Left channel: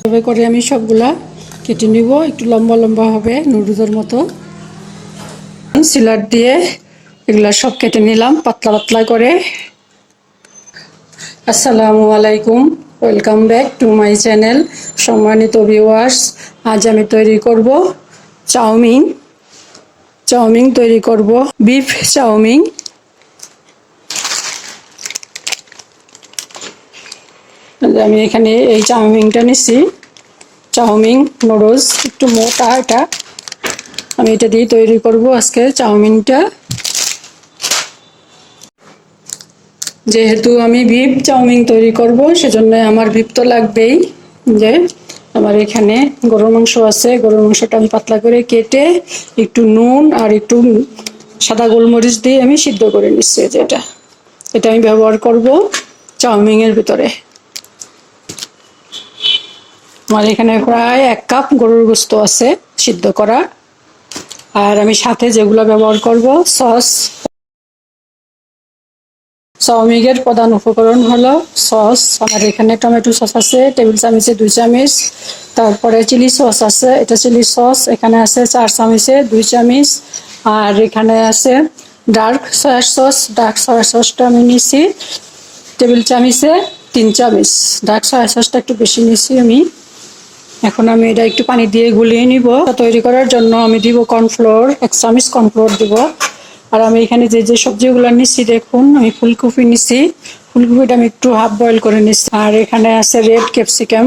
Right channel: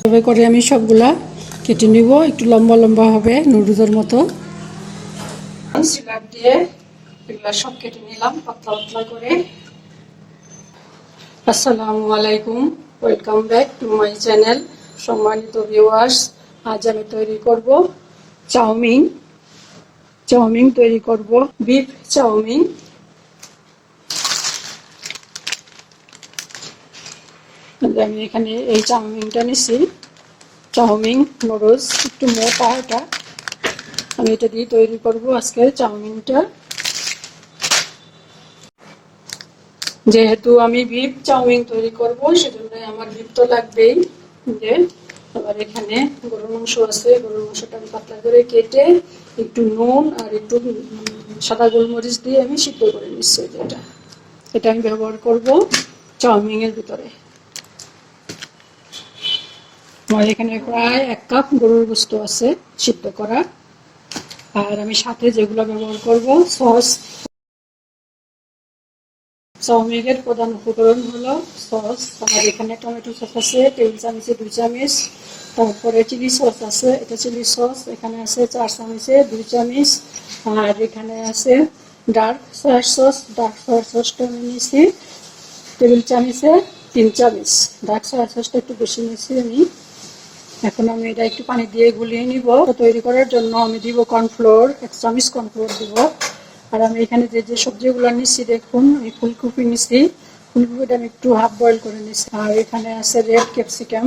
এভাবে করে আমি সবগুলা কেটে নিব। একটু লম্বা লম্বা হবে, নুডলসের মতো। সিলার দিয়ে এগুলা সব কেটে নিলাম, পাতলা পাতলা করে। আসসালামু আলাইকুম, welcome back to my channel. সম্মানিত ভিউয়ার্স আজ আমি তৈরি করব চাউমিন। চাউমিন তৈরি করব, বিফ চাউমিন। আমি এখানে এই চাউমিনটা নিচ্ছি চাউমিন নুডলস একটু মোটা এটা। আমি এটা দিয়ে তৈরি করব আজকে চাউমিনটা। যেহেতু আমি বিফ চাউমিন তৈরি করব, সেজন্য আমার ভিপ তো লাগবেই। যে আমার এখানে গরুর মাংস আছে, গরুর মাংসটা আমি পাতলা করে কেটে একটু নুন আর একটু সাদা গোলমরিচ দিয়ে আমি সিদ্ধ করে নিচ্ছি যেটা এটা আমি ব্যবহার করব চাউমিনের ভিতরে। আমার এখানে প্রায় এক কাপ গরুর গোস্ত আছে সিদ্ধ করা। আর আমি সাথে যেগুলো ব্যবহার করব, সস। চাউমিনের প্রধান উপকরণ হলো সস। আমার এখানে টমেটো সস আছে, টেবিল চামচে, দুই চামচ। তারপরে চিলি সস আছে, এটা চিলি সস। এখানে আছে চার চামচে, দুই চামচ। আর এখানে আছে dark soy sauce. Dark soy সসটা আমি নিছি টেবিল চামচে তিন চামচ। ডার্ক সয়া সসটা একটু বেশি নিছি আমি। এখন আমি এটা একটু পানি দিয়ে গুলিয়ে নিব। তৈরি করার জন্য আমি দিব কর্নফ্লোর এক চামচ কর্নফ্লোর দিব। আর আমি এখানে যে যে সবজিগুলো নিচ্ছি, দেখুন, আমি ফুলকপি নিচ্ছি। ফুলকপিটা আমি একটু হাফ বয়েল করে নিচ্ছি। আর এখানে আছে রেড ক্যাপসিকাম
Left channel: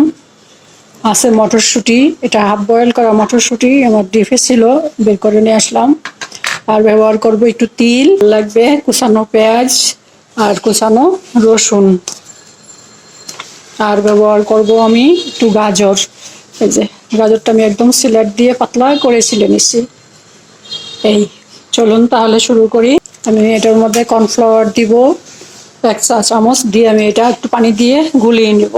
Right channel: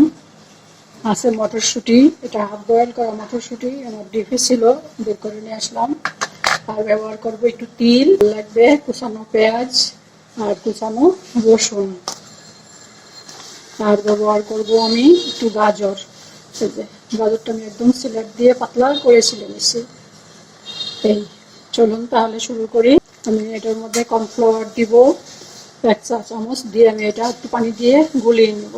আছে মটরশুঁটি। এটা হাফ বয়েল করা মটরশুঁটি, আমার ডিফে ছিল, বের করে নিয়ে আসলাম। আর ব্যবহার করব একটু তিল লাগবে, কুচানো পেঁয়াজ আর কুচানো রসুন। আর ব্যবহার করব আমি একটু গাজর। এই যে গাজরটা আমি একদম সিলার দিয়ে পাতলা করে ছিলে নিচ্ছি এই, চলুন তাহলে শুরু করি। আমি এটার মধ্যে কর্নফ্লাওয়ার দিব, এক চা চামচ দিয়ে আমি এটা একটু পানি দিয়ে গুলিয়ে নিব।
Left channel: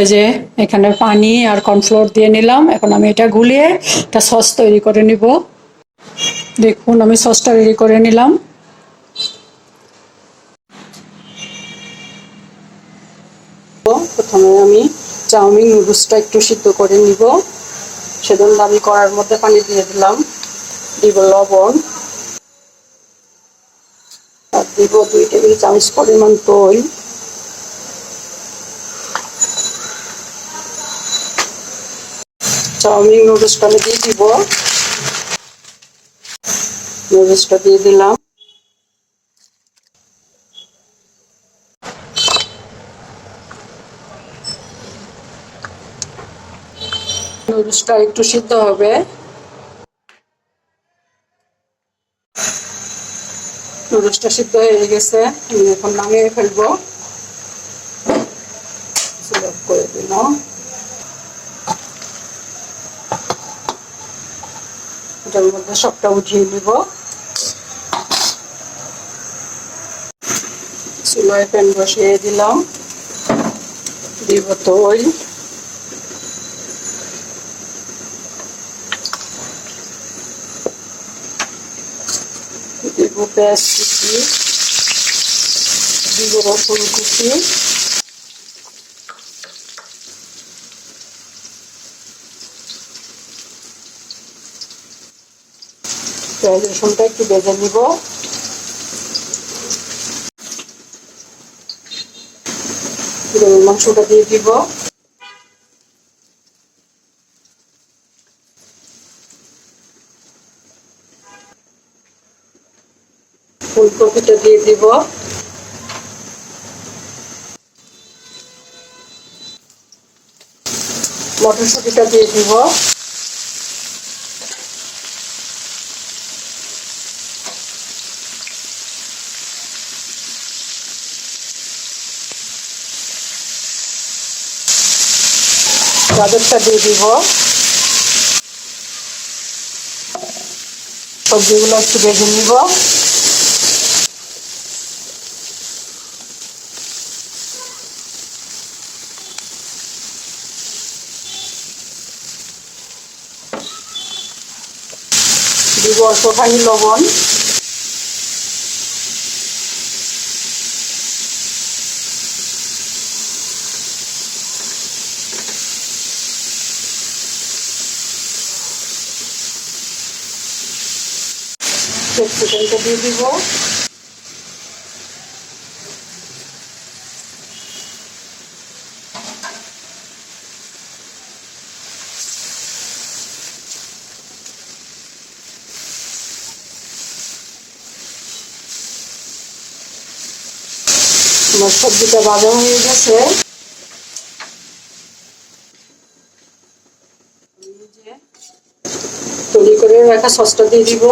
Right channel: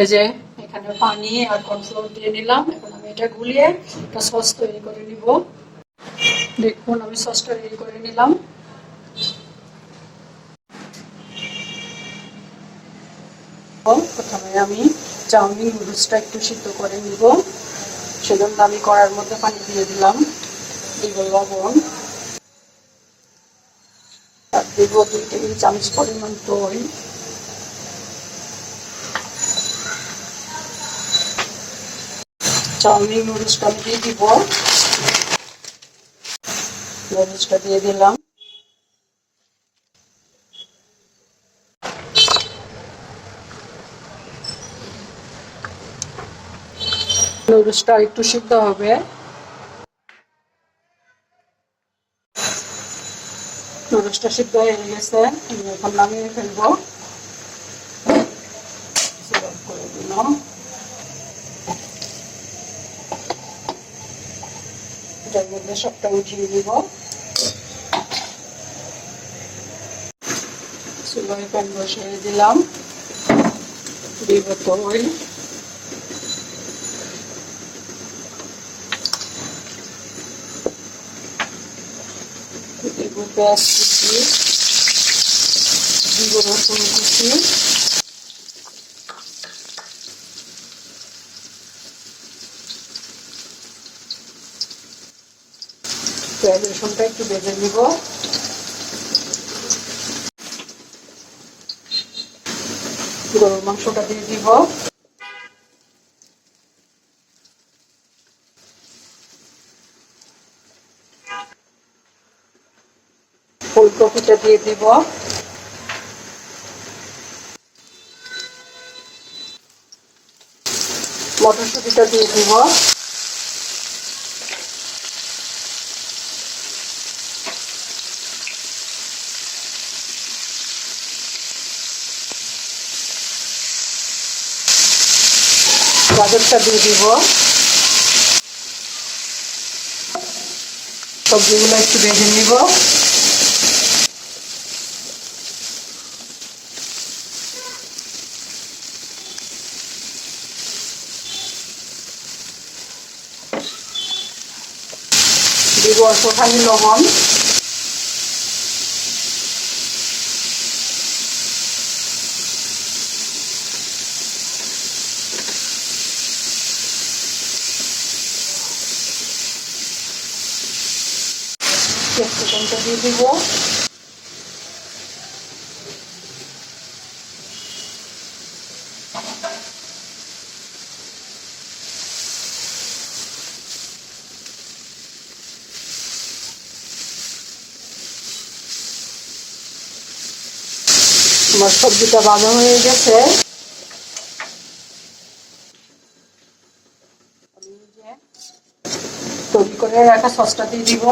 এই যে, এখানে পানি আর কর্নফ্লাওয়ার দিয়ে নিলাম। এখন আমি এটা গুলিয়ে একটা সস তৈরি করে নিব। দেখুন, আমি সসটা রেডি করে নিলাম। প্রথমে আমি চাউমিন নুডলসটা একটু সিদ্ধ করে নিব। সেজন্য আমি কড়ার মধ্যে পানি দিয়ে দিলাম। দিব লবণ। আর দিব দুই টেবিল চামচ পরিমাণ দই। চাউমিন নুডলসটা আমি দিয়ে দিব। নুডলসটা দিয়ে দিলাম। নুডলসটা একটু সিদ্ধ হবে। নুডলসটা সিদ্ধ হয়ে গেছে, আমি এখন নামিয়ে ফেলব। করে মধ্যে সবটা উঠিয়ে দিব চুলোয় প্যান বসিয়ে দিলাম। দিব দিব পেঁয়াজ কুচি দিব রসুন কুচি পেঁয়াজ রসুনটা একটু বেজে নিব গরুর মাংসটা দিয়ে দিব ফুলকপিটা দিয়ে দিব। মটরশুটিটা দিয়ে দিব। গাজরটা দিয়ে দিব। সবজিগুলো একটু ভেজে নিব। দিব অল্পখানি লবণ। ক্যাপসিকামটা দিয়ে দিব। আমার সবজিটা ভাজা হয়ে গেছে। তৈরি করে রাখা সসটা দিয়ে দিব।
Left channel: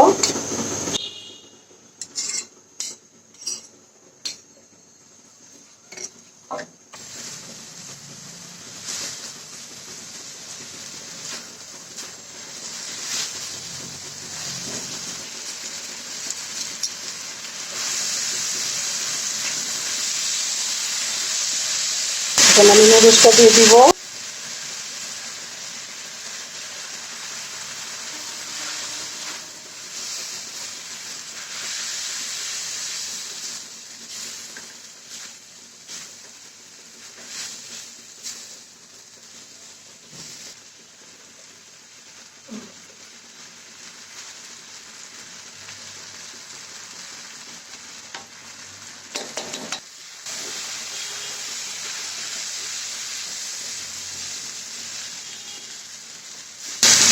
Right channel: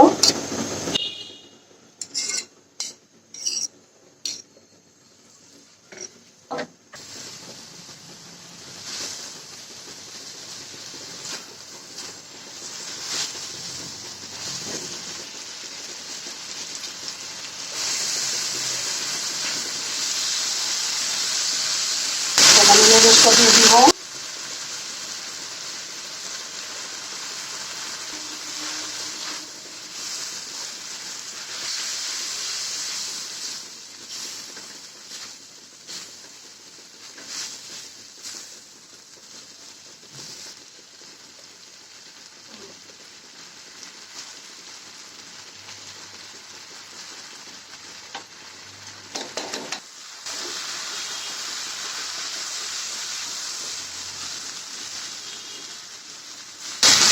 এখন আমি নুডলসটা দিয়ে দিব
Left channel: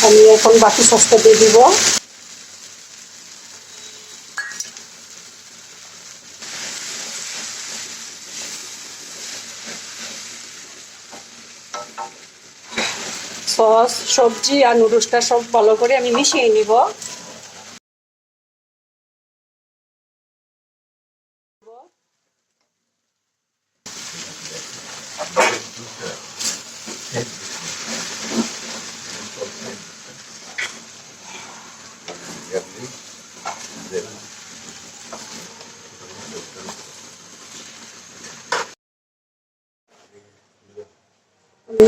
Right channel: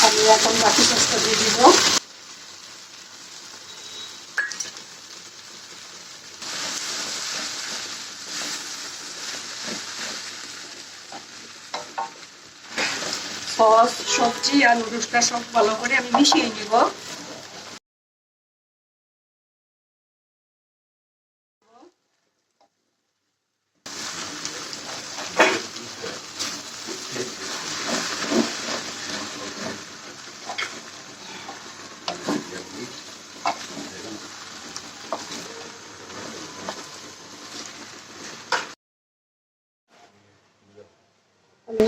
আমি এখন বাকি সসটা দিয়ে দিব। সস, সবজি আর নুডলসটা সব ভালো করে আমি মিশিয়ে নিব।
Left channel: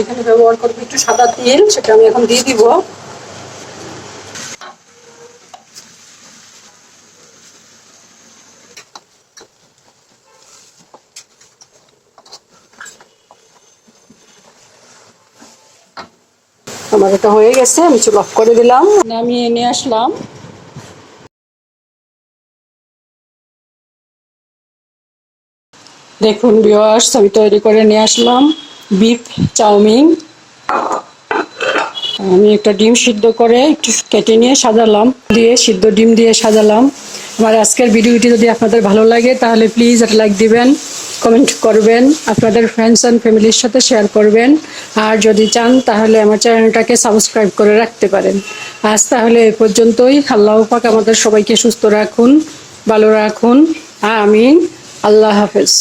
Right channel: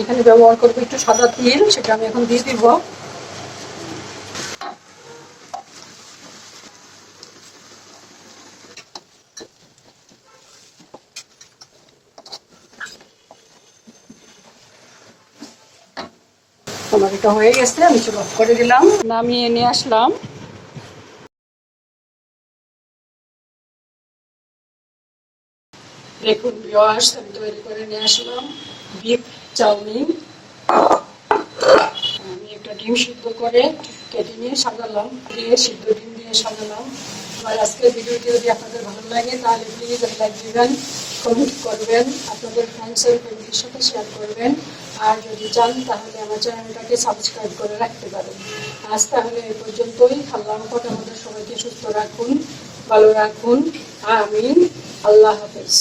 এখানে ব্যবহার করব একটু সাদা তিল, সেটা আমি এখন দিয়ে দিব। আমার এটা হয়ে গেছে, আমি চুল করে দিলাম, নামিয়ে নিয়ে আসলাম। দেখুন ভিওয়ার্স আমি তৈরি করে নিয়ে আসলাম। Beef, chowmein. আমি একটা ডিম সিদ্ধ করে একটু কেটে নিয়ে সাজালাম। দিয়ে সিদ্ধ ডিম দিয়ে সাজালাম। আমার আজকের ভিডিওটি যদি আপনাদের ভালো লাগে, তাহলে প্লিজ একটা লাইক দিবেন, কমেন্ট করবেন, আপনাদের ফ্রেন্ডস অ্যান্ড ফ্যামিলির সাথে শেয়ার করবেন। আর যদি চান, তাহলে আমার চ্যানেলটাকে সাবস্ক্রাইব করে রাখতে পারেন। আজ তাহলে এ পর্যন্তই। আল্লাহ পাক আমাদের সবাইকে সুস্থ রাখুন, ভালো রাখুন। আমিন। আল্লাহ হাফেজ।